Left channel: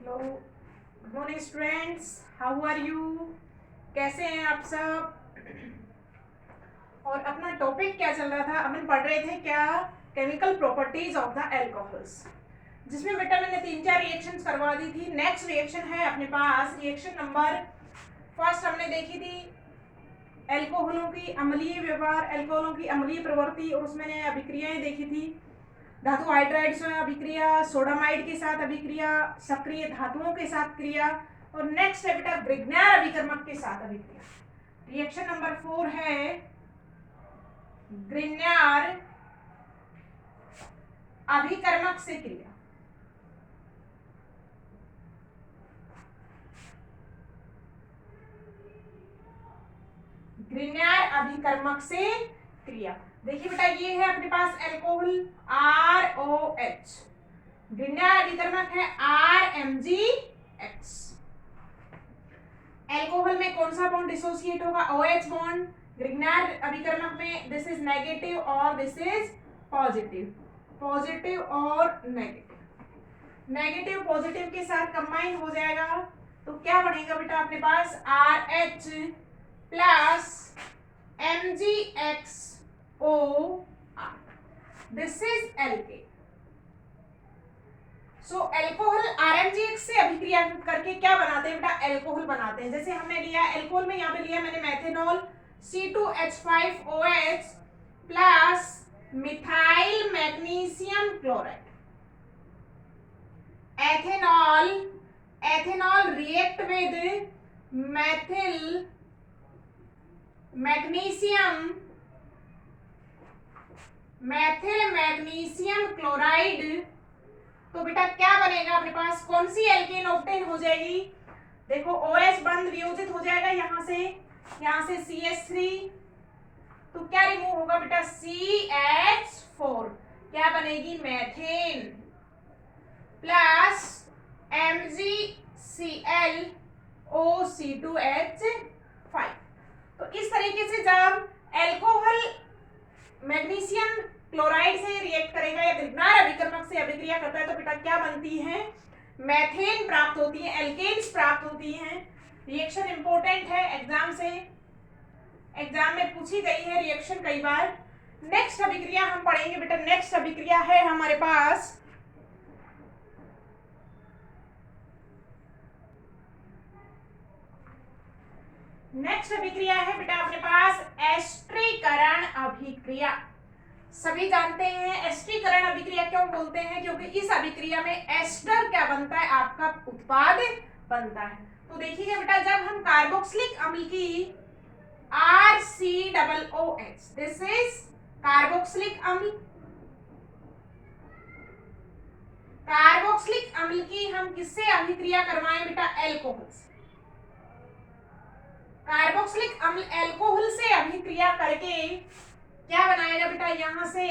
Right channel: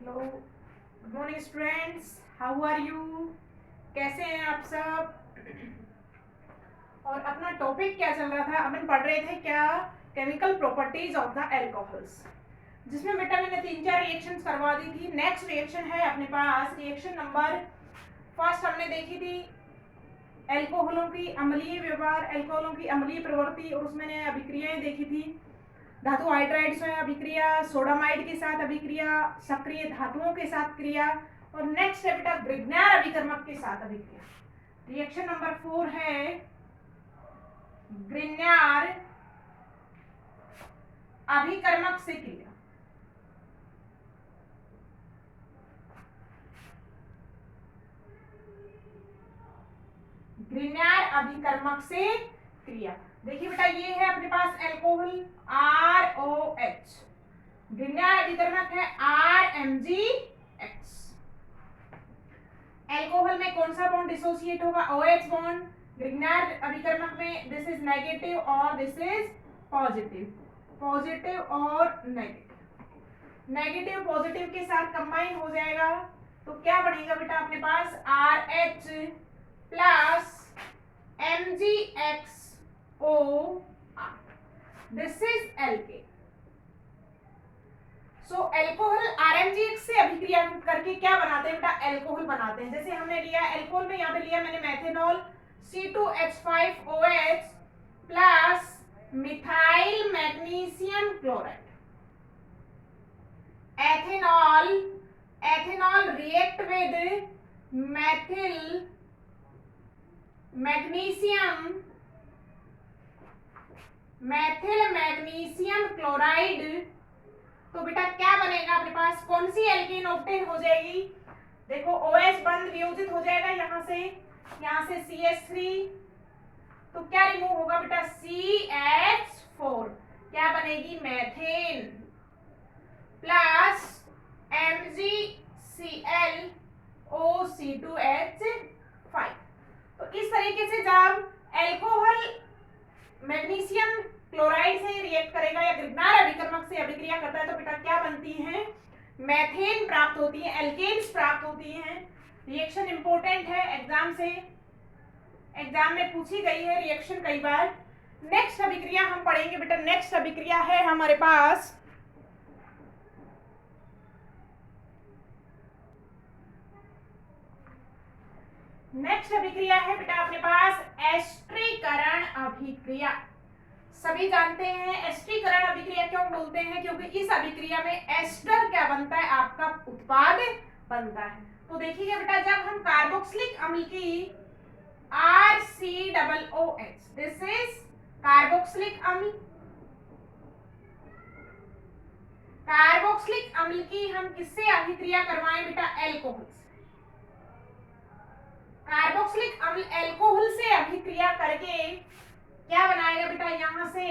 Hello, good morning students, how are you? कैसे हैं आप सब? और अपना टॉपिक क्या चल रहा था? अपन पढ़ रहे थे क्या? Chemical properties of the alcohols, जिसमें बेटा मैंने 3-4 रिएक्शंस करवा दी थी। नेक्स्ट रिएक्शन है अपने पास रिएक्शन नंबर फर्स्ट हमने देखी थी एल्कोहलों की अम्लीय व्यवहार, एल्कोहलों की अम्लीय प्रवृत्ति, और उसमें ने अभिक्रियाएं देखी थी। धातु हाइड्राइड्स में अभिक्रिया, सोडामाइड के साथ अभिक्रिया, सक्रिय धातुओं के साथ क्रिया, और नेक्स्ट है बेटा ग्रिग्नार अभिकर्मक के साथ अभिक्रिया। रिएक्शन नंबर 4 है ग्रिग्नार अभिकर्मक से क्रिया। ग्रिग्नार अभिकर्मक से क्रिया। देखिए बेटा, ये है अपने पास एल्कोहल ROH, ग्रिग्नार अभिकर्मक है RMgX। एल्कोहल में कौन सा बॉन्ड डिसोसिएट होगा? OH bond. ग्रिग्नार अभिकर्मक में दिस इज नेगेटिव और दिस इज पॉजिटिव, पॉजिटिव और नेगेटिव। नेगेटिव पॉजिटिव के साथ कंबाइन हो जाएगा तो क्या बनेगा बेटा अपने पास? RH plus MgXO, this is alkane. So alcohol RMgX से अभिक्रिया करके क्या बनाते हैं बेटा? एल्कोहल बनाते हैं। जैसे हमने लिया एल्कोहल में, यहाँ पे लिया मैंने methanol C2H5OH plus methyl magnesium chloride. Ethanol, ethanol react with methyl magnesium, methyl magnesium chloride, तो बेटा क्या बनेगा अपने पास? कौन सी एल्केन ऑब्टेन हो जाएगी? देखो OH बंद वियोजित हो जाएगा यहाँ से CH3, तो क्या रिमूव होगा बेटा? CH4, क्या बनेगी? Methane plus MgClOC2H5। तो इस तरीके से जब एल्कोहल मैग्नीशियम क्लोराइड से रिएक्ट करेगा या ग्रिग्नार अभिकर्मक से अभिक्रिया करता है तो बेटा क्या बनती है? मेथेन प्राप्त होती है, एल्केन्स प्राप्त होती हैं। रिएक्शन इंपॉर्टेंट है एग्जाम से, एग्जाम में पूछी गई है रिएक्शन कई बार। नेक्स्ट अभिक्रिया हम पढ़ेंगे बेटा। नेक्स्ट अभिक्रिया है हमारे पास नेक्स्ट अभिक्रिया है बेटा अपने पास एस्टरीकरण अभिक्रिया। सभी जानते हैं एस्टरीकरण अभिक्रिया क्यों बोलते हैं? क्योंकि इस अभिक्रिया में एस्टर क्या बनता है? आपका उत्पाद बनता है। तो देखिए बेटा, जब हम कार्बोक्सिलिक अम्ल की RCOOH, दिस इज कार्बोक्सिलिक अम्ल, कार्बोक्सिलिक अम्ल की हम किससे अभिक्रिया करवाएं बेटा? एल्कोहल से। कार्बोक्सिलिक अम्ल एल्कोहल से अभिक्रिया करके क्या बनाएगा बेटा? यहां से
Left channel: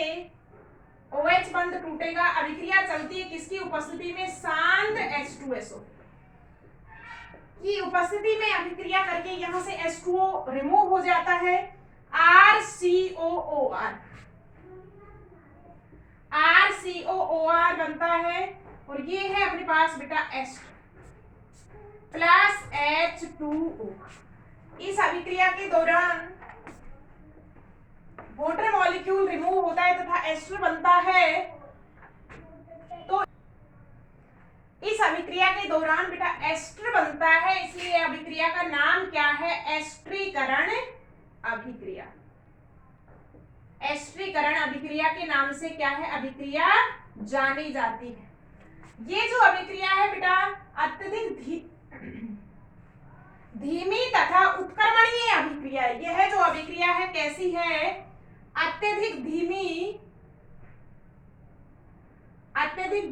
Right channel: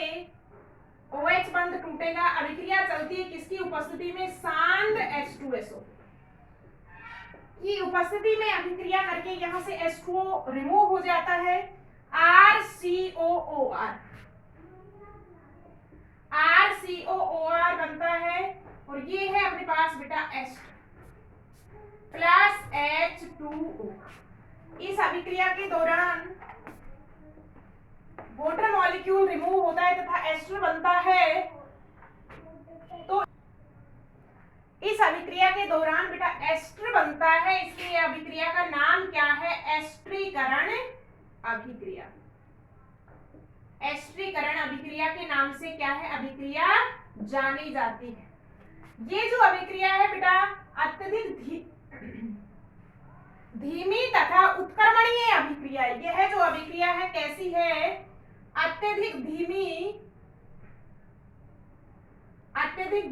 OH बंध टूटेगा, अभिक्रिया चलती है किसकी उपस्थिति में? शांत H2SO की उपस्थिति में अभिक्रिया करके यहां से H2O रिमूव हो जाता है, RCOOR, RCOOR बनता है, और ये है अपने पास बेटा H प्लस H2O। इस अभिक्रिया के दौरान वाटर मॉलिक्यूल रिमूव होता है तथा एस्टर बनता है। तो इस अभिक्रिया के दौरान बेटा एस्टर बनता है, इसलिए अभिक्रिया का नाम क्या है? एस्टरीकरण अभिक्रिया। एस्टरीकरण अभिक्रिया के नाम से क्या है? अभिक्रिया जानी जाती है। ये जो अभिक्रिया है बेटा अत्यधिक धीमी तथा उत्क्रमणीय अभिक्रिया है। यह जो अभिक्रिया है कैसी है? अत्यधिक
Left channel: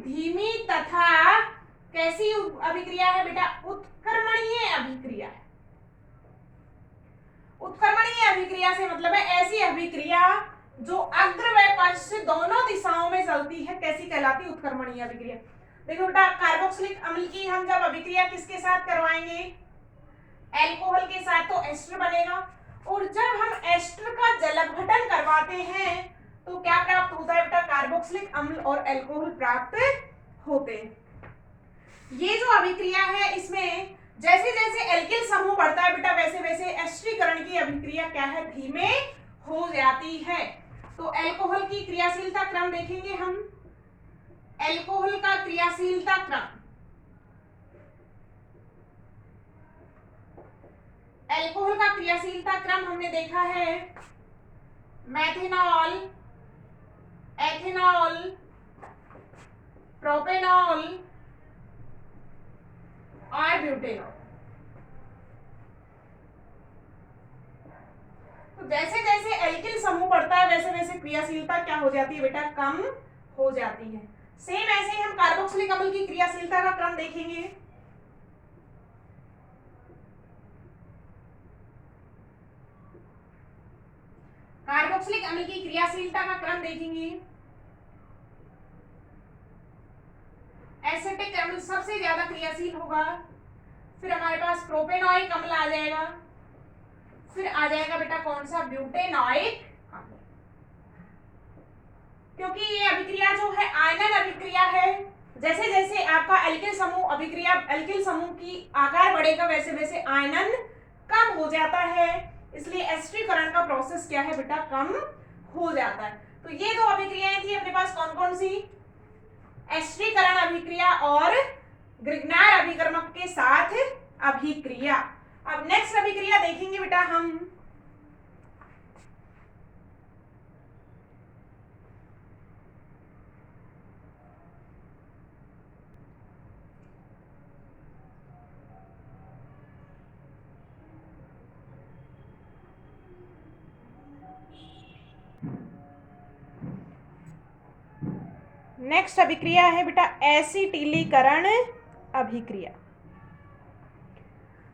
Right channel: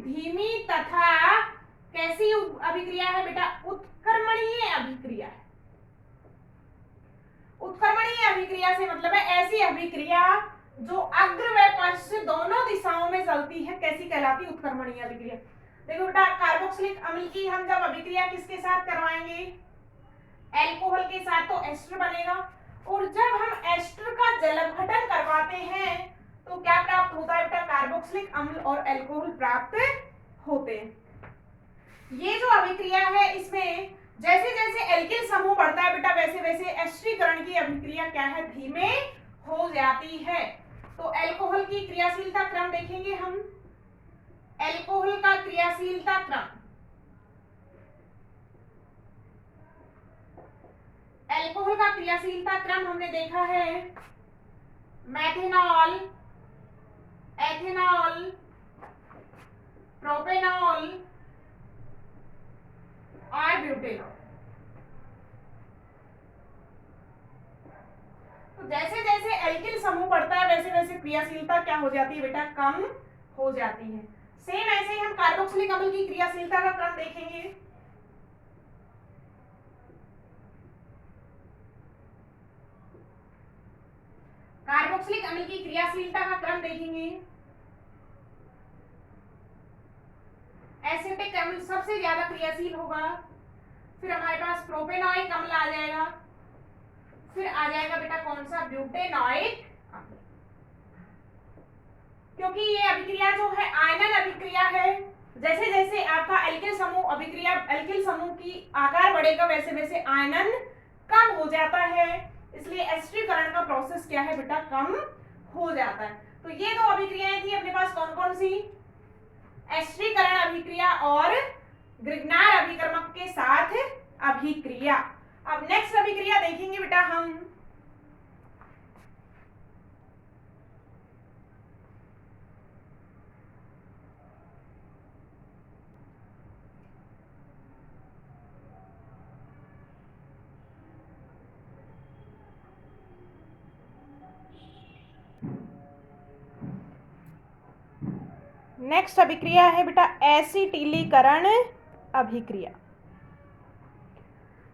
धीमी तथा कैसी अभिक्रिया है बेटा? उत्क्रमणीय अभिक्रिया है। उत्क्रमणीय अभिक्रिया से मतलब है ऐसी अभिक्रिया जो अग्र व पश्च दोनों दिशाओं में चलती है, कैसी कहलाती? उत्क्रमणीय अभिक्रिया। देखो बेटा, कार्बोक्सिलिक अम्ल की हम जब अभिक्रिया किसके साथ करवाएंगे? एल्कोहल के साथ, तो एस्टर बनेगा, और जब हम एस्टर का जलघटन करवाते हैं तो क्या प्राप्त होता है बेटा? कार्बोक्सिलिक अम्ल और एल्कोहल प्राप्त होते हैं। ये जो अभिक्रिया है इसमें जैसे जैसे एल्किल समूह बढ़ता है बेटा वैसे वैसे एस्टरीकरण की अभिक्रिया क्या है, धीमे हो जाती है। तो अल्कोहल की क्रियाशीलता क्रम देखेंगे हम। अल्कोहल का क्रियाशीलता क्रम, अल्कोहल का क्रियाशीलता क्रम हमने देखा है मेथनॉल, एथेनॉल, प्रोपेनॉल और ब्यूटेनॉल। तो जैसे जैसे एल्किल समूह बढ़ता है वैसे वैसे क्रियाशीलता क्या हो जाती है बेटा, कम हो जाती है। सेम ऐसे ही हम कार्बोक्सिलिक अम्ल की क्रियाशीलता का क्रम देखेंगे। कार्बोक्सिलिक अम्ल की क्रियाशीलता का क्रम देखेंगे। एसिटिक अम्ल सबसे ज्यादा क्रियाशील होगा, फिर हमारे पास प्रोपेनॉइक अम्ल आ जाएगा, फिर आ जाएगा बेटा कौन सा, ब्यूटेनॉइक अम्ल। क्योंकि ये अभिक्रिया जो है आयनन अभिक्रिया है, जैसे जैसे आपका एल्किल समूह अभिक्रिया, एल्किल समूह की आकार बढ़ेगा वैसे वैसे आयनन कम हो जाता है, इसलिए एस्टरीकरण का प्रोसेस क्या है बेटा, कम हो जाता है। तो ये दो अभिक्रियाएं थी अपने पास, कौन कौन सी, एस्टरीकरण अभिक्रिया और ग्रिग्नार अभिकर्मक के साथ अभिक्रिया। अब नेक्स्ट अभिक्रिया देखेंगे बेटा हम, नेक्स्ट अभिक्रिया है बेटा एसिटिलीकरण अभिक्रिया।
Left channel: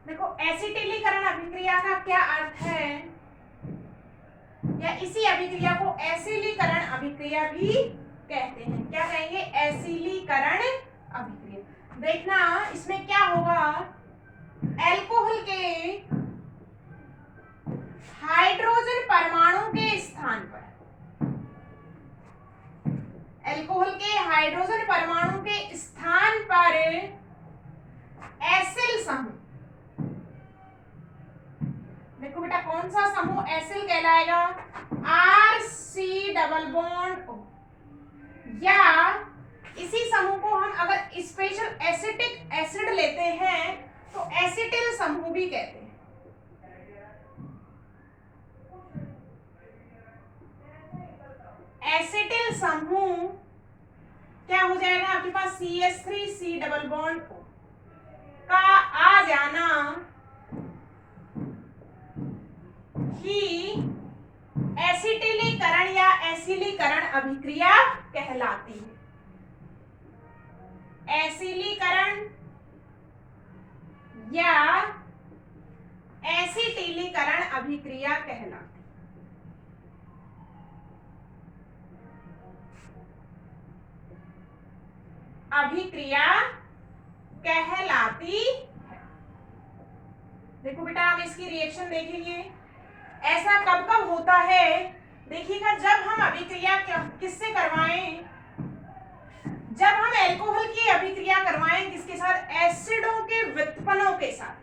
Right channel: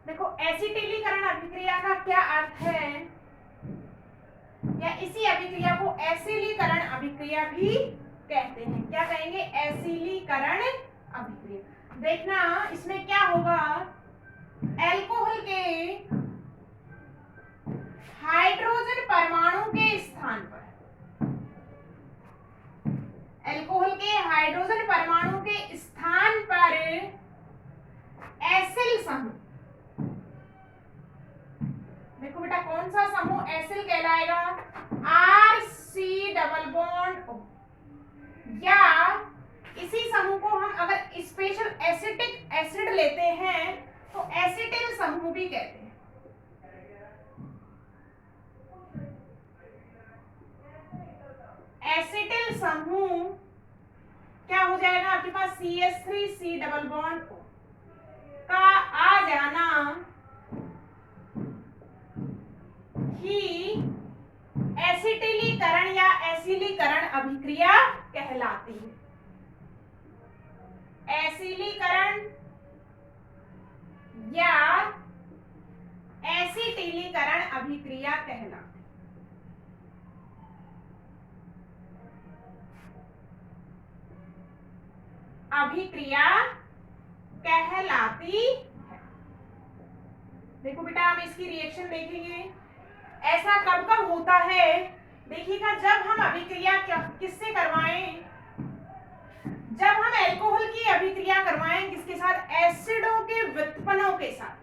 देखो एसिटिलीकरण अभिक्रिया का क्या अर्थ है, या इसी अभिक्रिया को एसिलीकरण अभिक्रिया भी कहते हैं। क्या कहेंगे, एसिलीकरण अभिक्रिया। देखना इसमें क्या होगा, अल्कोहल के हाइड्रोजन परमाणु के स्थान पर, अल्कोहल के हाइड्रोजन परमाणु के स्थान पर एसिल समूह, देखो बेटा कौन सा समूह एसिल कहलाएगा, RC डबल बॉन्ड O, या इसी समूह को हम अगर स्पेशल एसिटिक एसिड लेते हैं तो एसिटिल समूह भी कहते हैं। एसिटिल समूह क्या हो जाएगा आपके पास, CH3C डबल बॉन्ड O का आ जाना ही एसिटिलीकरण या एसिलीकरण अभिक्रिया कहलाती है। एसिलीकरण या एसिटिलीकरण अभिक्रिया कहलाती है। अभिक्रिया कहलाती है। देखो बेटा हम इसकी रिएक्शन देखेंगे, ऐसा कब कब होता है, देखिएगा जब हम अभिक्रिया किससे करवाएं, जब हम अल्कोहल की अभिक्रिया करवाएं किसके साथ, एसिडों के व्युत्पन्नों के साथ।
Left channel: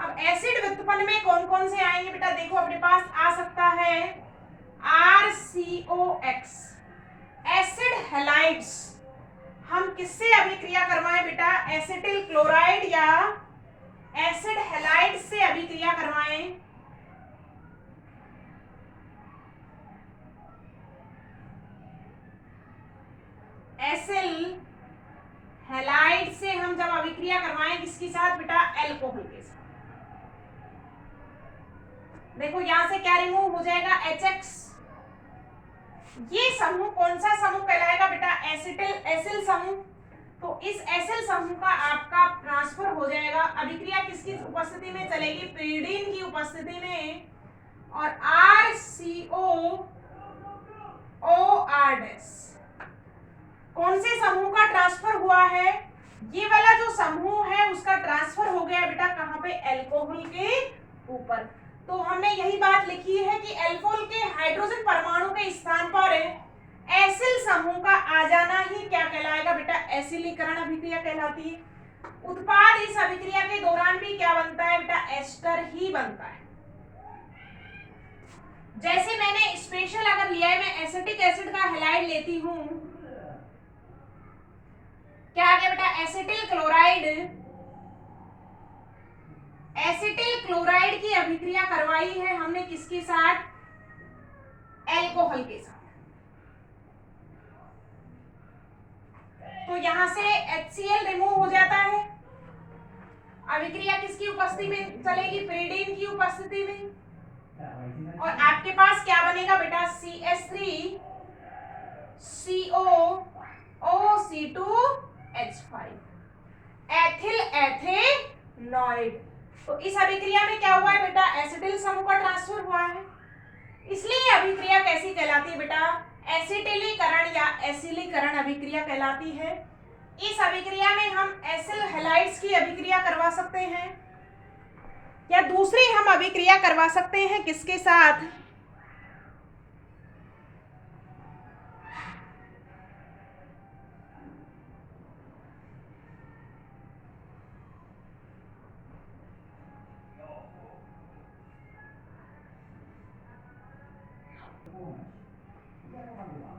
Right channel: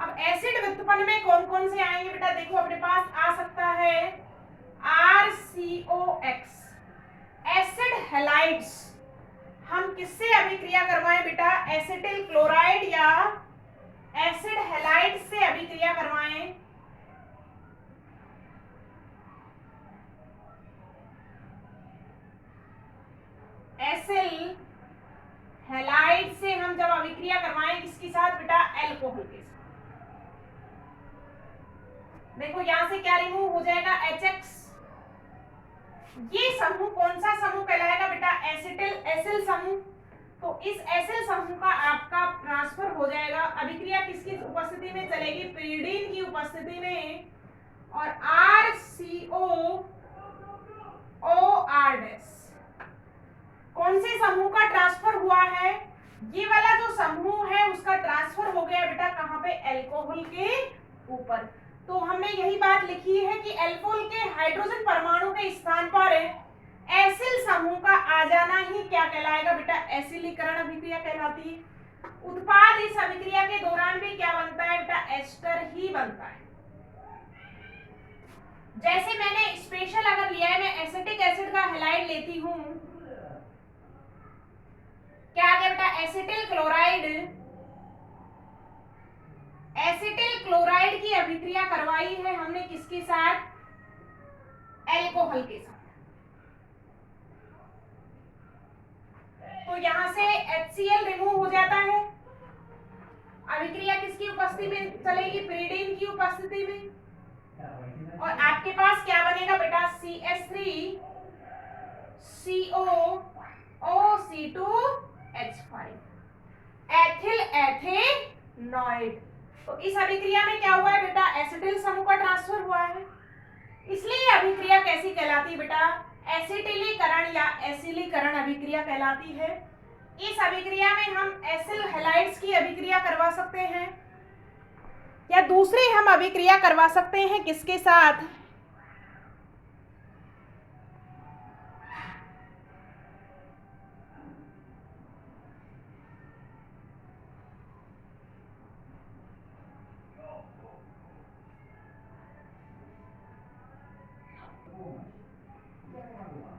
अब एसिड व्युत्पन्न में कौन कौन से आएंगे बेटा, देखो अपने पास आ सकता है RCOX, एसिड हैलाइड्स। हम किससे अभिक्रिया करवाएं बेटा, एसिटिल क्लोराइड या एसिड हैलाइड से अभिक्रिया करवाएं। एसिल हैलाइड से हम जब अभिक्रिया करवाएं किसके साथ बेटा, अल्कोहल के साथ। देखो यहां से क्या रिमूव हो जाएगा, HX। ये समूह कौन सा समूह कहलाएगा बेटा, एसिल समूह। तो इस एसिल समूह का आपका ट्रांसफर हो जाएगा, अभिक्रिया किसकी उपस्थिति में चलेगी, pyridine की उपस्थिति में, और RCOOR कौन से समूह का ट्रांसफर हुआ है, ये वाला जो समूह है उसका ट्रांसफर हो गया बेटा कहां पे, अल्कोहल के ऊपर। तो हमने यही बात लिखी है कि अल्कोहल के हाइड्रोजन परमाणु के स्थान पर एसिल समूह का आ जाना ही क्या कहलाएगा बेटा, एसिलीकरण अभिक्रिया कहलाती है। उत्पाद इस अभिक्रिया के दौरान भी क्या बनता है बेटा, एस्टर ही बनता है। जैसे मैंने स्पेशल अगर लिया है, मैं एसिटिक एसिड का हैलाइड लेती हूं, क्या आ गया बेटा, एसिटिल क्लोराइड। एसिटिल क्लोराइड की अभिक्रिया करवाई है हमने किसके साथ, एल्कोहल के साथ। तो यहां से HCl रिमूव हो जाता है। अभिक्रिया किसकी उपस्थिति में चलेगी, pyridine की उपस्थिति में, और आपके पास क्या बनेगा बेटा, CH3 CO OC2H5 एथिल एथेनॉइड। तो इस अभिक्रिया में क्या हुआ है बेटा, एसिटिल समूह का ट्रांसफर हुआ है, इसलिए अभिक्रिया कैसी कहलाती है बेटा, एसिटिलीकरण या एसिलीकरण अभिक्रिया कहलाती है। इस अभिक्रिया में हम एसिल हैलाइड्स की अभिक्रिया करवा सकते हैं, या दूसरी हम अभिक्रिया करवा सकते हैं किसके साथ,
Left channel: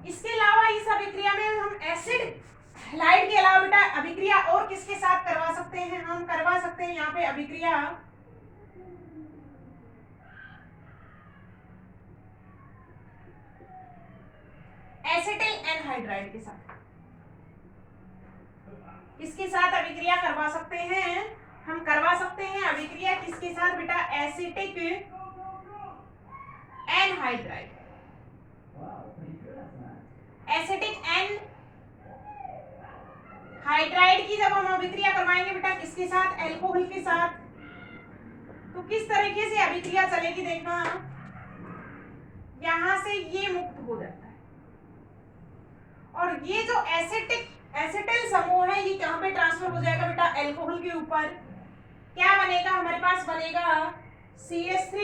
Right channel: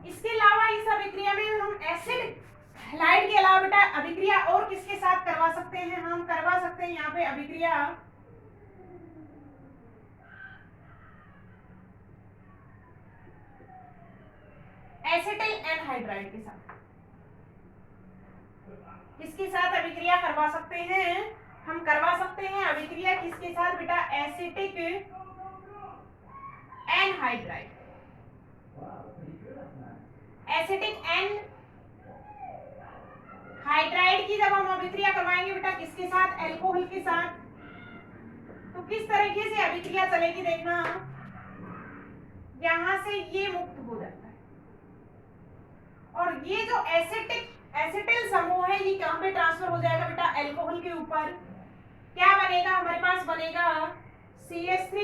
इसके अलावा इस अभिक्रिया में हम एसिड हैलाइड के अलावा बेटा अभिक्रिया और किसके साथ करवा सकते हैं, हम करवा सकते हैं यहाँ पे अभिक्रिया एसिटिल एनहाइड्राइड के साथ। किसके साथ अभिक्रिया करवा सकते हैं, हम करवा सकते हैं अभिक्रिया किसके साथ बेटा, एसिटिक एनहाइड्राइड। एसिटिक एनहाइड्राइड की जब हम अभिक्रिया करवाएंगे बेटा किसके साथ, एल्कोहल के साथ, तो किस तरीके से अभिक्रिया चलेगी देखना, यहां से ये मुक्त हो जाता है, और ये जो एसिटिल समूह है ये कहां पे ट्रांसफर हो जाएगा बेटा, एल्कोहल के ऊपर। क्या बनेगा, हमारे पास बनेगा CH3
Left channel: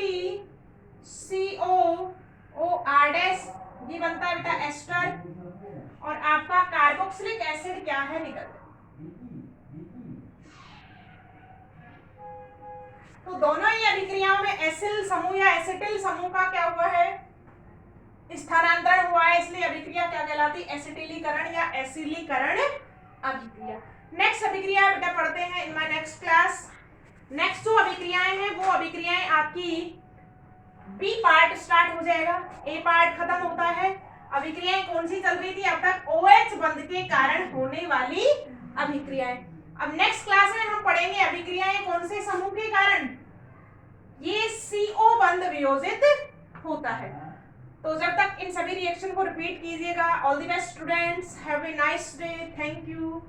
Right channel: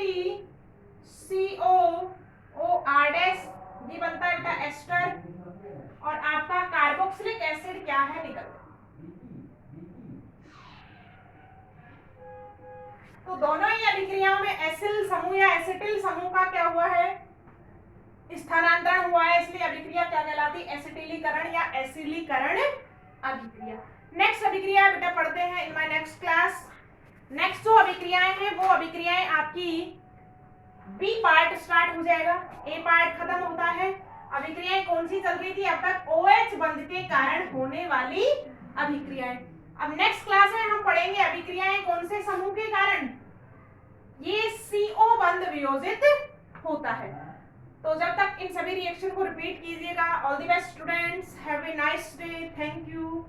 COOR, ये बनता है बेटा एस्टर, और आपका कार्बोक्सिलिक एसिड क्या है, निकल। तो दोनों ही अभिक्रियाओं में एसिल समूह या एसिटिल समूह का क्या हुआ है, स्थानांतरण हुआ है, इसलिए अभिक्रिया क्या कहलाती है, एसिटिलीकरण या एसिलीकरण अभिक्रिया। नेक्स्ट अभिक्रिया बेटा पढ़ते हैं in my next class. Next जो अभिक्रियाएं हैं वो अभिक्रियाएं आपकी बी पार्ट स्टार्ट हो जाएगा, ए पार्ट खत्म होता है। अभिक्रियाएं कौन सी चल रही थी अब तक, OH बंध के कारण होने वाली अभिक्रियाएं। अब नेक्स्ट क्लास में हम पढ़ेंगे अभिक्रियाएं कौन से समूह के कारण, ये CO बंध वियोजित होता है। तो जब तक इन सभी रिएक्शन को रिपीट कीजिएगा। All the best students, have a nice day, thank you.